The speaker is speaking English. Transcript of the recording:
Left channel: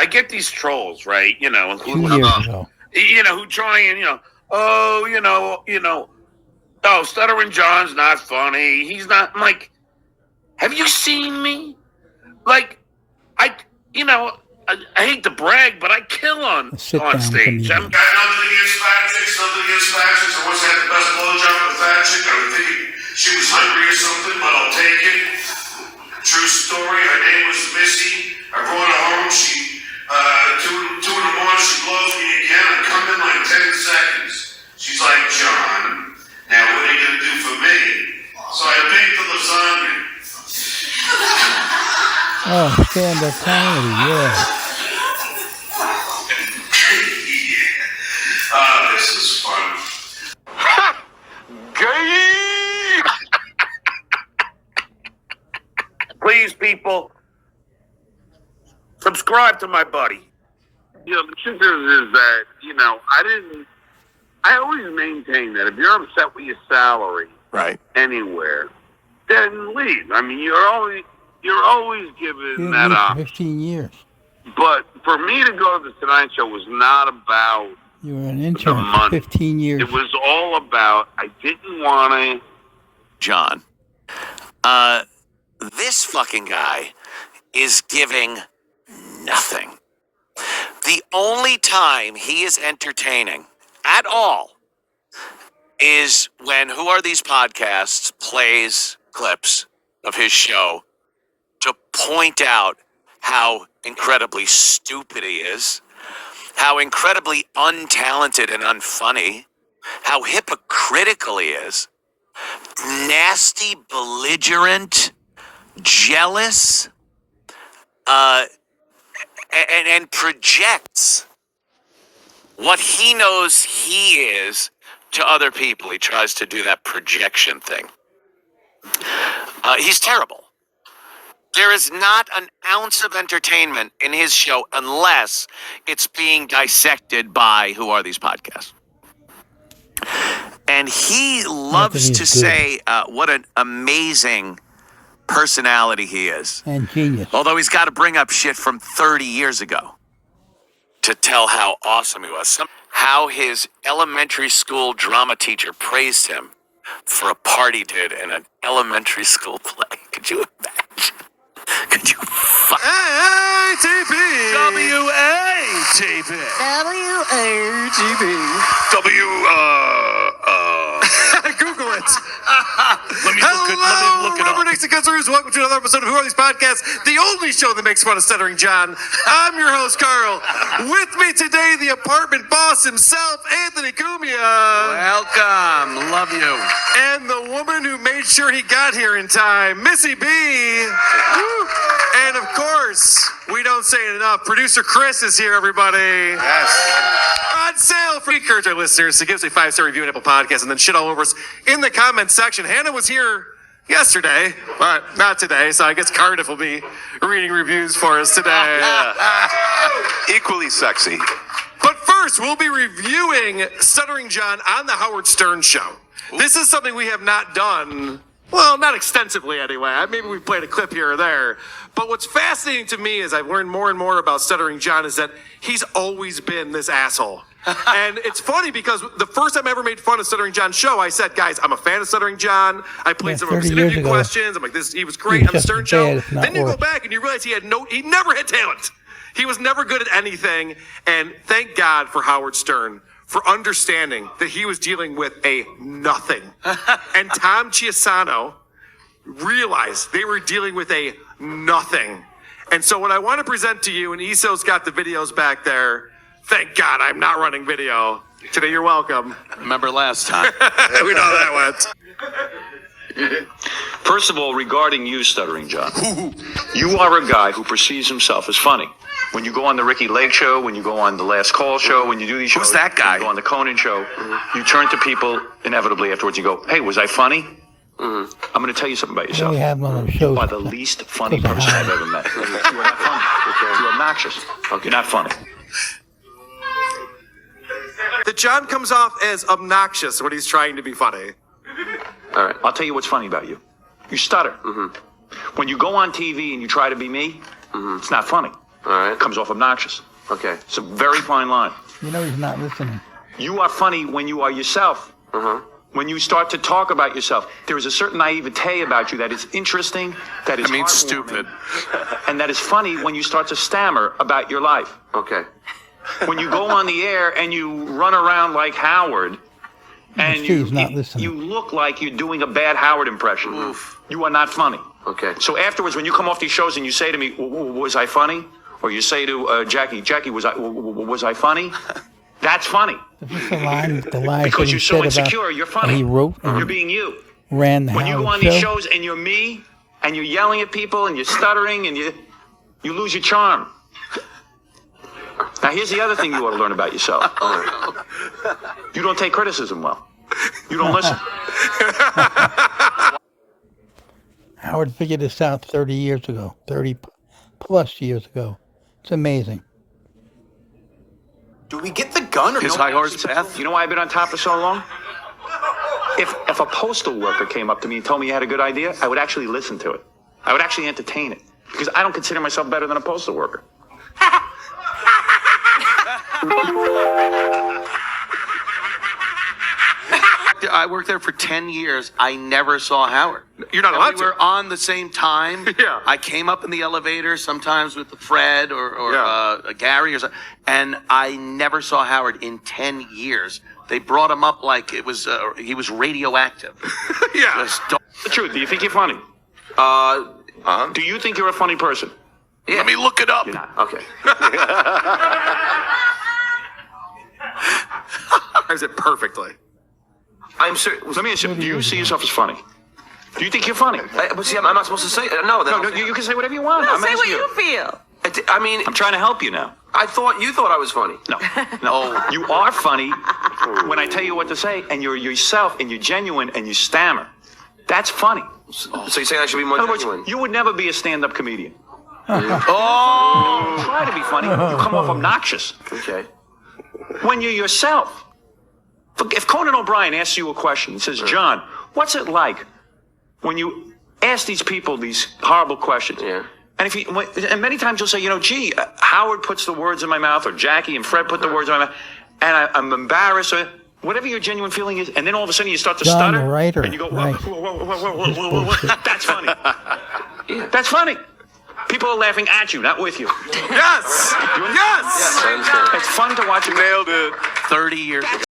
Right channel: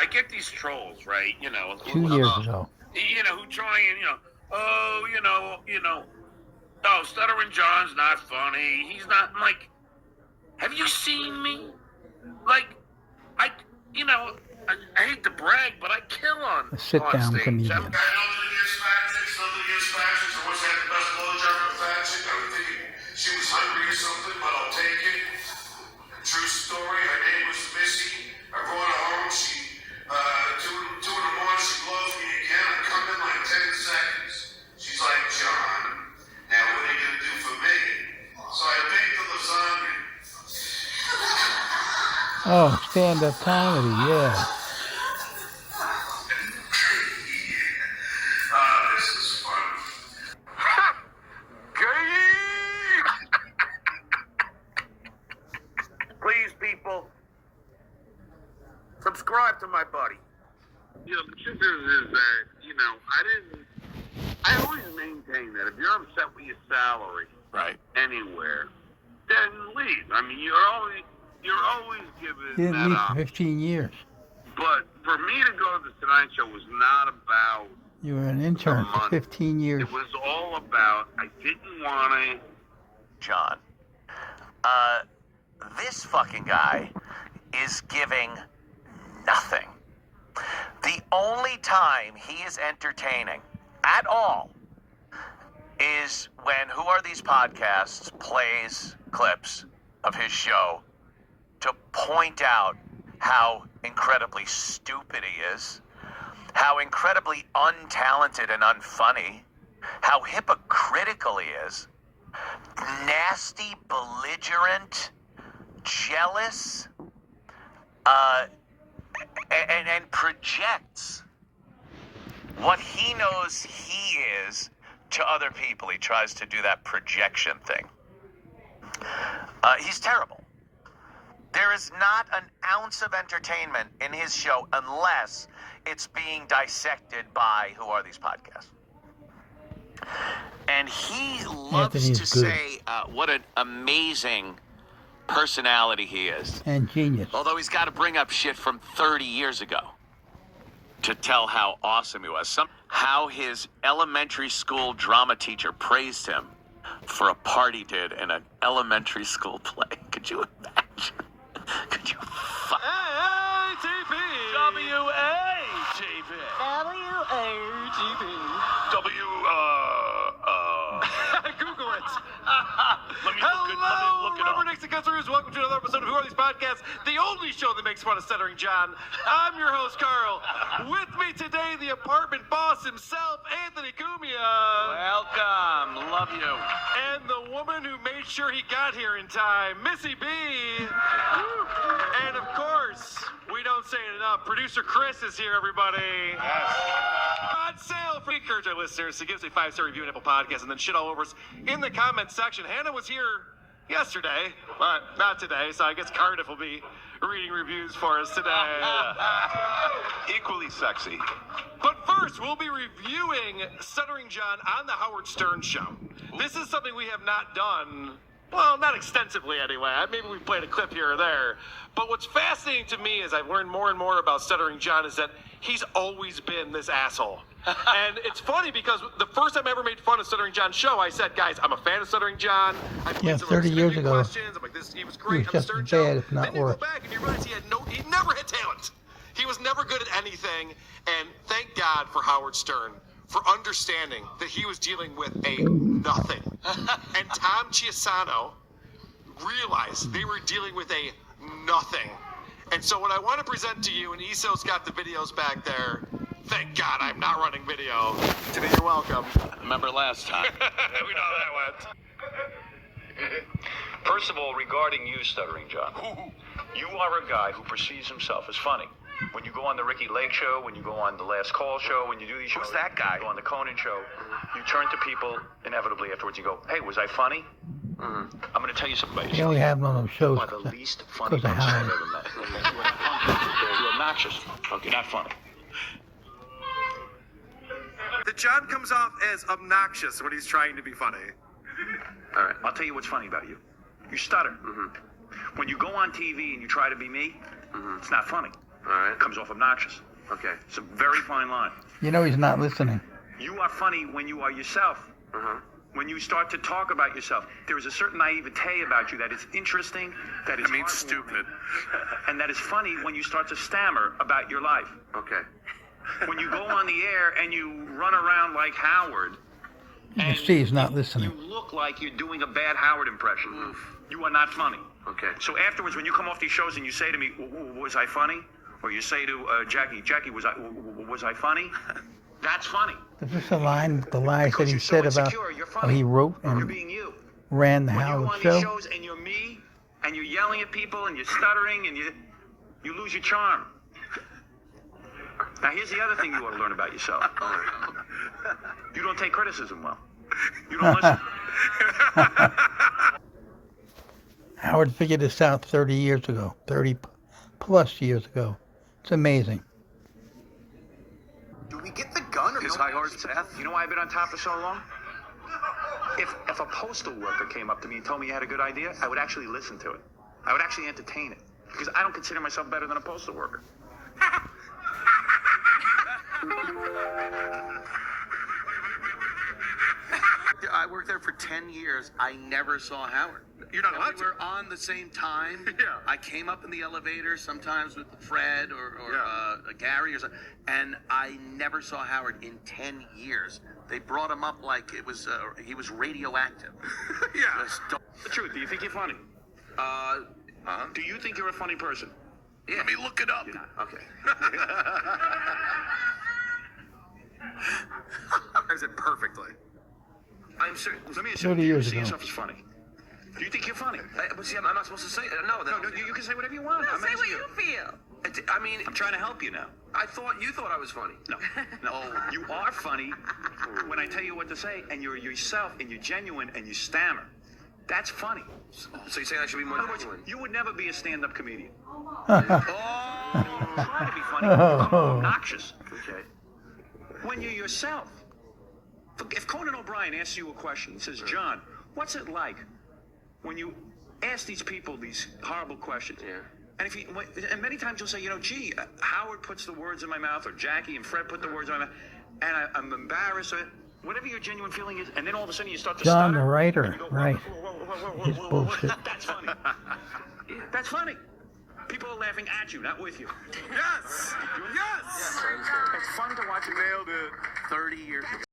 I get these trolls, right? You know, 2 years ago. You know, who try and oh, Stuttering John's not funny. He's not. I'm like, have you seen me? Like, I hate to brag, but I kill on stage. Comedian. Got nothing against fat chicks, nothing against fat chicks. I once had the best blowjob with a fat chick. I was thinking she was hungry or something, but I'll take it. True story. Her name was Missy. I brought her home. She, 2 in the morning, she blows me again. I come in like 10 seconds. She's like, John, now what are you going to do for me? So I baked the lasagna. Oh, stand-up comedy, yeah. This is fun. Gay! Please, people, subscribe to my buddy. You know, the truth is that, I always maintain that if you're upset with your salary anywhere, then leave. I mean, you're always given that option. 15 years. But for me to go to the Tonight Show was not about you were an intern for 15 years. It was all about, I didn't want to. John, this fucking guy is giving nothing. The only time he is entertaining at all is when Who Are These Podcasts plays clips of his show to point out how incredibly stupid he is, how incredibly untalented and unfunny, how hypocritical he is, nasty, belligerent, jealous, and projects what he knows he is to other people. He tries to do that projection thing. He's terrible. There is not an ounce of entertainment in his show unless it's being dissected by Who Are These Podcasts. And he loves to say what an amazing personality he is. And genius. Although he's got to bring up shit from 30 years ago to tell how awesome he was. How his elementary school drama teacher praised him for a part he did in an elementary school play. Could you imagine? Could you ATP WATP Google it. Let me look it up. Robert Nixon Customers. Welcome to another episode of Who Are These Podcasts, the only show that makes fun of Stuttering John. I'm your host, Carl. With me today, the apartment boss himself, Anthony Cumia. Welcome. Love you. And the woman who made sure he got here in time, Missy B. And of course, we don't say it enough, producer Chris is here, everybody. Yes. On sale for encourage our listeners to give us a 5-star review on Apple Podcasts and then shit all over us in the comments section. Hannah was here yesterday, but not today, so I guess Cardiff will be reading reviews for us today. Equally sexy. But first, we'll be reviewing Stuttering John on the Howard Stern Show. This is something we have not done, well, not extensively anyway. Maybe we've played a clip here or there. But what's fascinating to me as I've learned more and more about Stuttering John is that he's always been this asshole. And it's funny because the first time I ever made fun of Stuttering John's show, I said, guys, I'm a fan of Stuttering John. I played some of his interview questions. I'm like, he was great on the Stern Show. Then you go back and you realize he never had talent. He was never good at anything. And thank God for Howard Stern for understanding that he was dealing with a nothing. And Tom Chiasano realized they were dealing with a nothing. And so what I want to present to you, and Iso's got the videos back there. Thank God I'm not running video. Today, you're welcome. Remember last time? We know how that went. First of all, regarding you, Stuttering John, you are a guy who perceives himself as funny. When you go on the Ricky Lake Show, when you go on the Last Call Show, when you do these shows, who's that guy? When you go on the Conan Show, you turn to people inevitably afterwards. You go, "Hey, was I funny?" I'm going to tell you something about yourself. We have one of those shows. You are the least funny person I've ever met. You are not funny. You're obnoxious. You're not funny. That John comes off as obnoxious when he's trying to be funny. All right, I'll tell you what's funny about you. You stutter. When you go on TV and you try to be me, it's not funny. All right. Comes off obnoxious. Okay. It's a very fine line. You know he's not listening. You are funny when you are yourself. When you start to talk about yourself, there is a certain naivete about you that is interesting, that is I mean, heartwarming, stupid. and that is funny when you start to stammer about your life. Okay. When you go on the air and you run around like Howard, and Steve's not listening. you look like you're doing a bad Howard impression. You are not funny. Okay. So afterwards, when you come off these shows and you say to me, "Was I funny?" or you say to Jackie, "Was I funny?" That's funny. This is the line that Because he you're said so insecure, about you're funny. he wrote You're and being you. ran the When you go on Howard these show. shows and you're me, and you're yelling at people, and you're stuttering, and you lose your charm. Now, here's the other thing you ought to learn about yourself. You don't take criticism well. You don't listen. Howard figured this out 30 years ago, 30 plus years ago. It's amazing. Do we get the gun or His no? high horse path. You know why I've been on top for so long? If a postal worker came up to me and told me he had a good idea, I would actually listen to it. I would actually entertain it. Because I don't consider myself better than a postal worker. I worked there for 10 years. I never saw Howard. You're not And allowed we to. were on the same time. Yeah. I came up in the elevator sometimes with Fred or Yeah. Gary or something, and I never saw Howard in 10 years. They brought him up like it was he was radioactive. Yeah. Just don't- The truth, do you think you're funny? Do you think you're a funny person? Let me look it up. You're not. Okay. Is it perfectly? I'm serious. Let me ask you, 30 do you years see ago. yourself as funny? Do you think you're funny? But see, I'm not supposed to say. No, No, you can say whatever you want. I'm Say what asking you feel. I mean, I'm trying to help you now. I thought you thought I was funny. No, you are funny when I tell you what to say, and you're yourself, and you're genuine, and you stammer. That's funny. So you're saying I should be more In other words, genuine? you would never be a stand-up comedian. Try to be funny. You come off obnoxious. Okay. When you're yourself. If Conan O'Brien asks you a question, he says, "John, what's it like when you ask these people these horrible questions?" Yeah. And many times you'll say, gee, Howard puts the words in my mouth, or Jackie and Fred put the words in my mouth, and I'm embarrassed, or whatever your genuine feeling is, and then all of a sudden you start to John, stutter, the writer, and you go, right. whoa. That's funny. That's funny. People are laughing at you, not with you. Yes. Yes. I understand. It's fun to watch you. Nailed it. 30 years ago.